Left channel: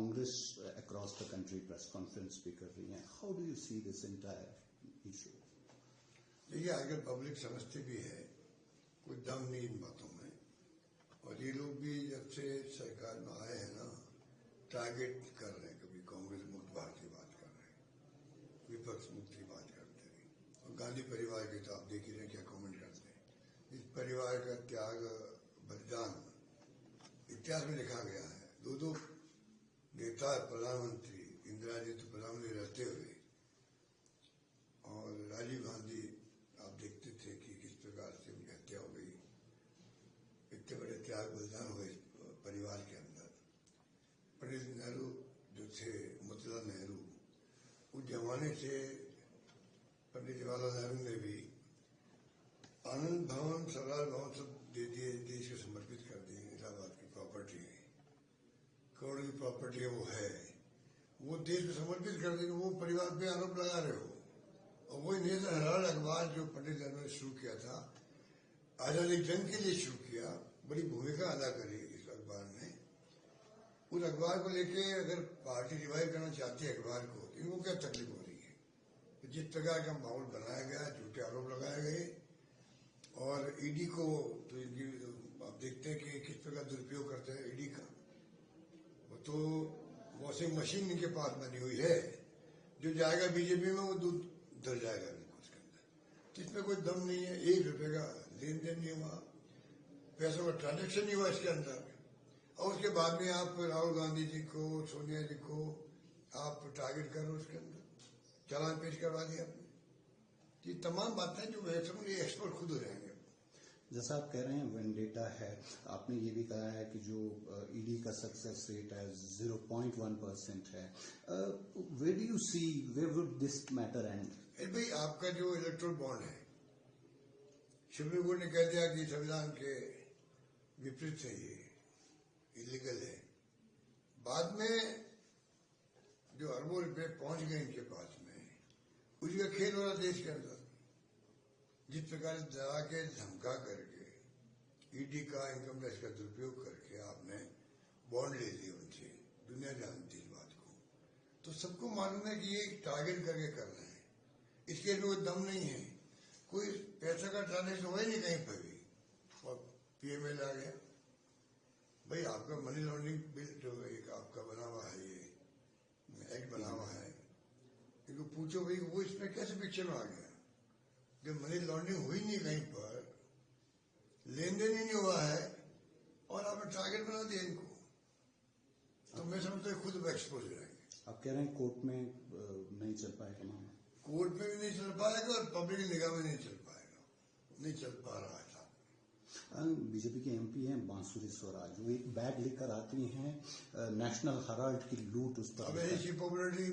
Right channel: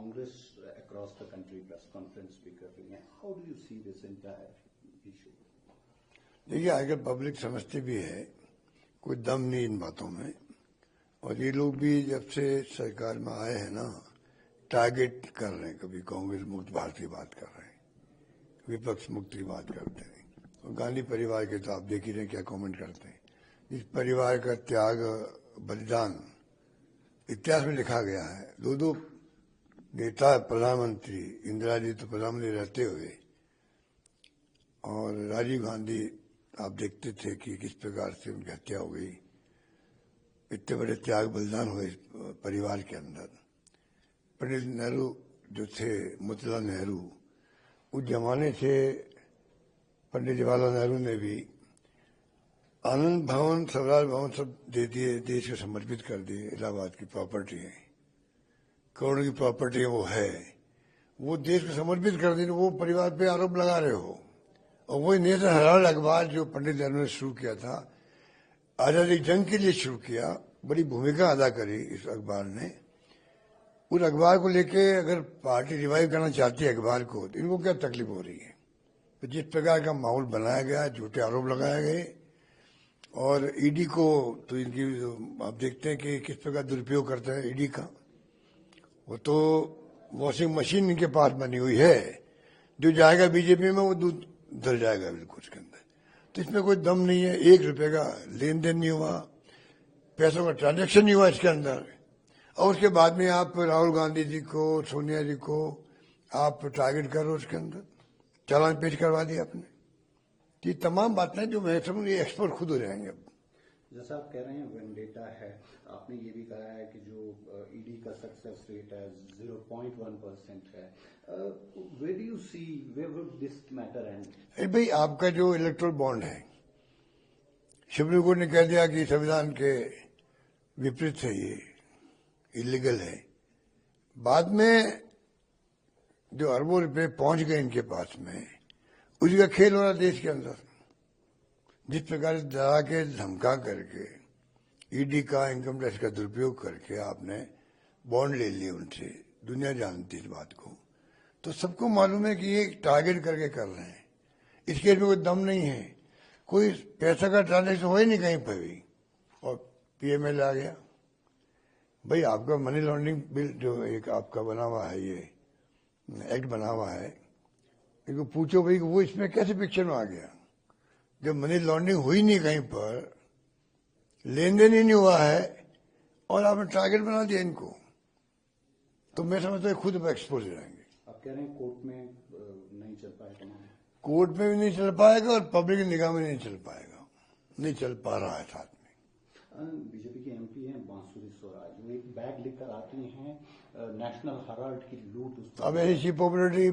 Congress across the country press conference भी कर रही है. How do you see this entire issue? देखिए, आजकल पब्लिक समझती भी है, कोई दम नहीं इन बातों में, और ये लोग भी जब से सरकार में आए हैं ना, टारगेट कर रहे हैं. कभी कांग्रेस मुक्त भारत की बात कर रहे हैं, विपक्ष मुक्त की बात करते हैं, और गांधी परिवार के तो आप देख ही रहे हैं क्या कमेंट करते हैं. इस परिवार का त्याग बलिदान इतिहास में लिखा गया है. दो नेता प्रधानमंत्री, इंदिरा जी तो प्रधानमंत्री रहते हुए, और राजीव गांधी आप देखते थे कि किस प्रकार से उनकी हत्या हो गई. इतने बड़े त्याग बलिदान हुए परिवार के अंदर. पंडित नेहरू जो थे, मोतीलाल नेहरू, उस जमाने से पंडित जवाहरलाल नेहरू ने भी आनंद भवन, स्वराज भवन सब दे दिए, देश को समर्पित कर दिए. इलाहाबाद की प्रॉपर्टी है, करोड़ों की प्रॉपर्टी है, वो देश को समर्पित कर दी. वो परिवार पे आरोप लगा रहे हो. और वही नेशनल हेराल्ड अखबार जो पंडित नेहरू ने शुरू किया था, आजादी जंग के लिए शुरू किया, बड़ी भूमिका अदा करी इस अखबार ने. उस अखबार को लेके अगर पार्टी रिवाइव करना चाहती है अखबार को, तो इनको क्या तकलीफ हो रही है. तो जिस प्रकार का माहौल बनाया गया, झूठे आरोप लगाए गए, और ईडी को तो इनकी आप देखते हैं कि किस प्रकार दुरुपयोग करते हैं ईडी का. वो तो वॉशिंग मशीन इनके पास बनी हुई है, जो जाएगा बीजेपी में वो दूध धर जाएगा बिल्कुल उसके अंदर. तो इसमें कोई दम नहीं है. 1 रुपए का लेन देन नहीं हुआ, पैसों का ट्रांजेक्शन नहीं हुआ इसके अंदर. और उसके बाद में आप राहुल गांधी जी को, सोनिया जी को आप टारगेट करो, उसके अंदर चालान पेश करवा दिया आपने. ये तमाम बातें जो मैं समझ, ये एक्सपर्ट खुद हो जाएंगे. अब जैसा आप कह रहे हैं वेंडेटा है, आपने ये भी कहा है कि जो ईडी का सक्सेस रेट है 0.1% है. Where do you see, where would this matter end? भाई, आपका जो इलेक्टोरल बॉन्ड है, सुप्रीम कोर्ट ने कह दिया कि संविधान के विपरीत है, ये इलीगल है. बाद में जो अरबों रुपए पहुंच गए इनके पास में, उसी का खेल हो रहा देश के अंदर. जिस प्रकार से डरा के, धमका करके, ईडी का, इनकम टैक्स का दुरुपयोग करके आपने बॉन्ड ले लिए उनसे, दुनिया जानती है इस बात को. तो सबको मालूम है कि ये टारगेट करके कर रहे हैं. इस केस में कोई दम नहीं है, कोई पैसा का ट्रांजेक्शन हो ही नहीं कहीं पर भी, और पीएमएल आ गया. भाई, आपका मनी लॉन्ड्रिंग बिल जो एक आपका बना हुआ है, ये एक्ट बना हुआ है, इनको पूछो भाई वो इसमें कैसे पिक्चर में आ गया, जब मनी लॉन्ड्रिंग हुई नहीं, कहीं पर लेन देन ही नहीं हुआ है, और आपने टारगेट बना दिया इनको. तो मैं समझता हूँ खुद एक्सपोज हो जाएंगे. आप कह रहे हैं कोर्ट में नहीं चल पाएगा, कोर्ट में भी नहीं चल पाएगा, और पब्लिक की निगाह में नहीं चल पाएगा, नहीं चल पा रहा है. साथ में बीजेपी के एमपी हैं बांसुरी स्वराज, वो एक बैग लेकर आती हैं नेशनल हेराल्ड की लूट. अब ऐसी पॉपुलरिटी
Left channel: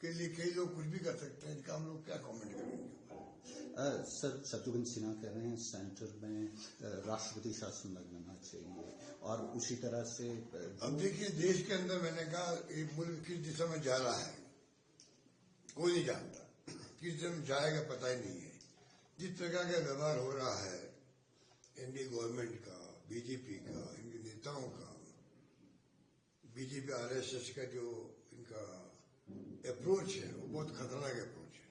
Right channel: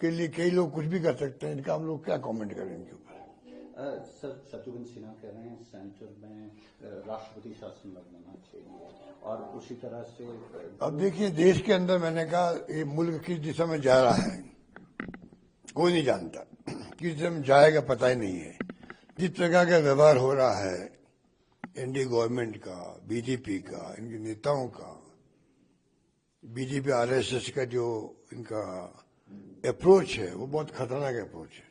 के लिए कई लोग कुछ भी कर सकते हैं, इनका हम लोग क्या कमेंट करेंगे ऊपर. सर, शत्रुघ्न सिन्हा कह रहे हैं सेंटर में राष्ट्रपति शासन लगना चाहिए, और उसी तरह से अब देखिए, देश के अंदर मैंने कहा ये मुल्क किस दिशा में जा रहा है कोई नहीं जानता, किस दिशा में जाएगा पता ही नहीं है. जिस प्रकार का व्यवहार हो रहा है एनडीए गवर्नमेंट का, बीजेपी का, इनके नेताओं का, बीजेपी आरएसएस का जो इनका अप्रोच है, वो बहुत खतरनाक अप्रोच है.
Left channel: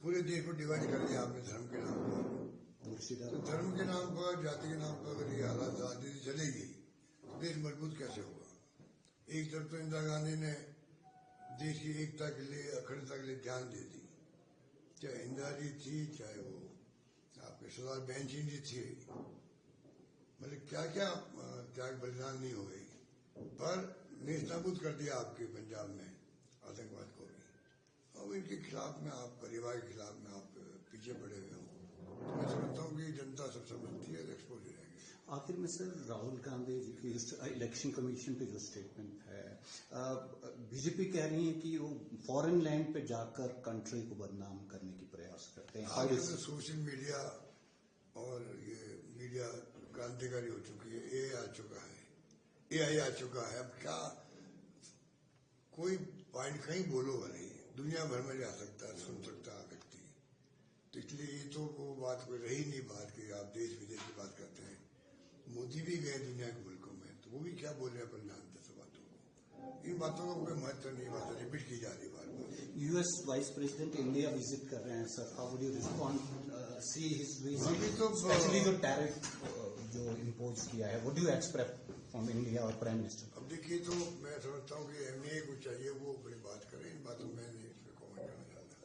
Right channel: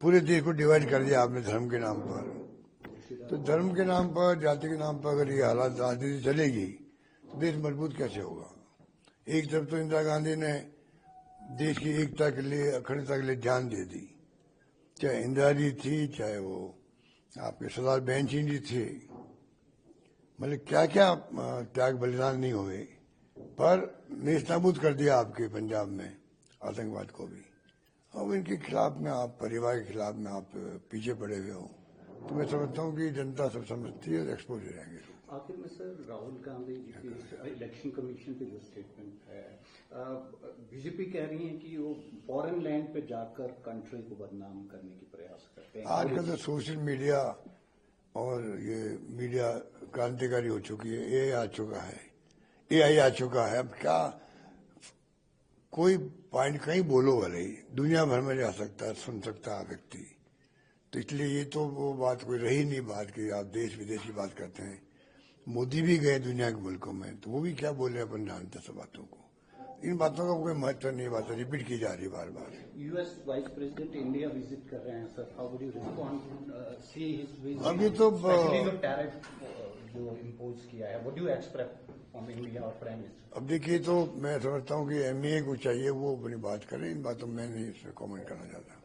पूरे देश को डिवाइड कर दिया आपने धर्म के नाम पर. तो धर्म के नाम पर, जाति के नाम पर अगर ये हालात राजनीति चलेगी तो देश मजबूत कैसे होगा. एक तरफ तो इंदिरा गांधी ने देश की एकता के लिए, अखंडता के लिए जान दे दी, चाहे इंदिरा जी थी, चाहे वो आपके सरदार बहन सिंह जी थे. मतलब क्या क्या त्याग बलिदान नहीं हुए, पर नेस्तनाबूद कर दिया आपके पंजाब में आतंकवाद को भी. अब इनके खिलाफ में आप, परिवार के खिलाफ में आप पीछे पड़े हुए हो. तो मैं समझता हूँ कि जनता सब समझती है और एक्सपोज हो जाएंगे. आखिर में सर, राहुल गांधी जी की इलेक्शन कमीशन की जो स्टेटमेंट है, बीजेपी कह रही है कि वो फॉरेन लैंड पे जाकर कंट्री को बदनाम करने की प्रयास करते हैं. आजकल तो सोशल मीडिया और ये मीडिया क्रांतिकारी हो चुकी है. एआई आ चुका है, एआई आ चुका है. अब क्या कोई पॉइंट कहीं बोलो वाले दुनिया भर में जा सकता है, सुन सकता है व्यक्ति. तो इसलिए ये तो वो बात कोई रही नहीं, बात की आप देश विदेश की बात करते हैं. मोदी भी गए दुनिया के मुल्कों में, तो वो भी क्या बोल रहे हैं अपन जानते सब बातों को. इन बातों का कोई महत्व नहीं, बात रिपीट की जा रही बार बार। US vice president India visit कर रहे हैं sir, how would you respond see his visit, अभी तो स्पेशली जो टैरिफ जो इम्पोज किया है, what do you expect from India और प्राइम मिनिस्टर? अब देखिए, तो मैं समझता हूँ कि एमईए को चाहिए वो अपनी बात करें, इन बातों में नहीं इस पर कॉमेंट करना चाहता।